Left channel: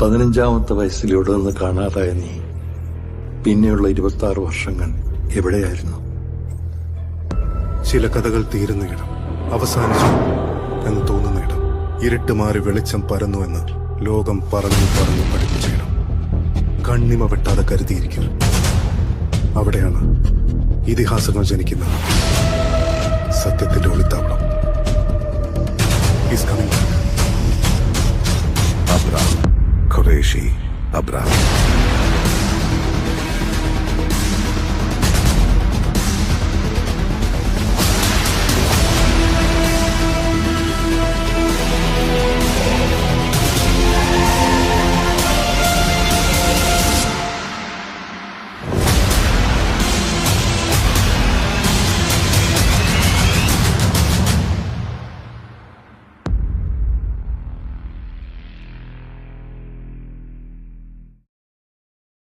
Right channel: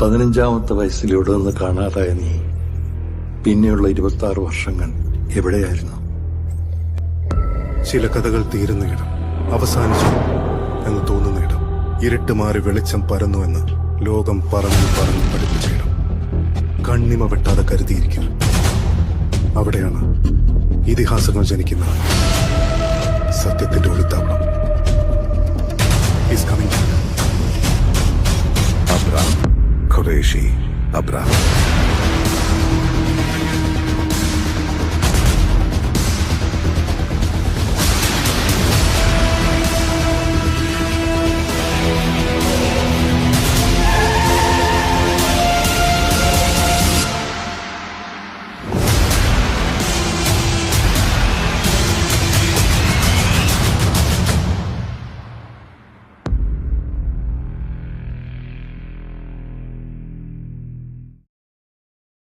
15-ാമത്തെ വയസ്സിൽ ഇവിടെ നിന്ന് കാണാതായ നീ പിന്നെയുള്ള 26 വർഷങ്ങൾ എവിടെയായിരുന്നു? ചില കഥകൾ തീരുന്നയിടം, അവസാനിച്ചു എന്ന് തോന്നുന്നയിടം, ഇരുട്ട് മാറി വെളിച്ചം പരന്നുവെന്ന് ലോകം പറഞ്ഞു പറഞ്ഞു പഠിപ്പിച്ചയിടം, കണ്ണിമ വെട്ടാതെ കരുതിയിരിക്കും. അവിടെയാണ് ഇതിഹാസങ്ങൾ ജനിക്കുന്നത്. സത്യത്തിന്റെ ഒളിത്താവളം. He's coming back. Abram Qureshi Abram.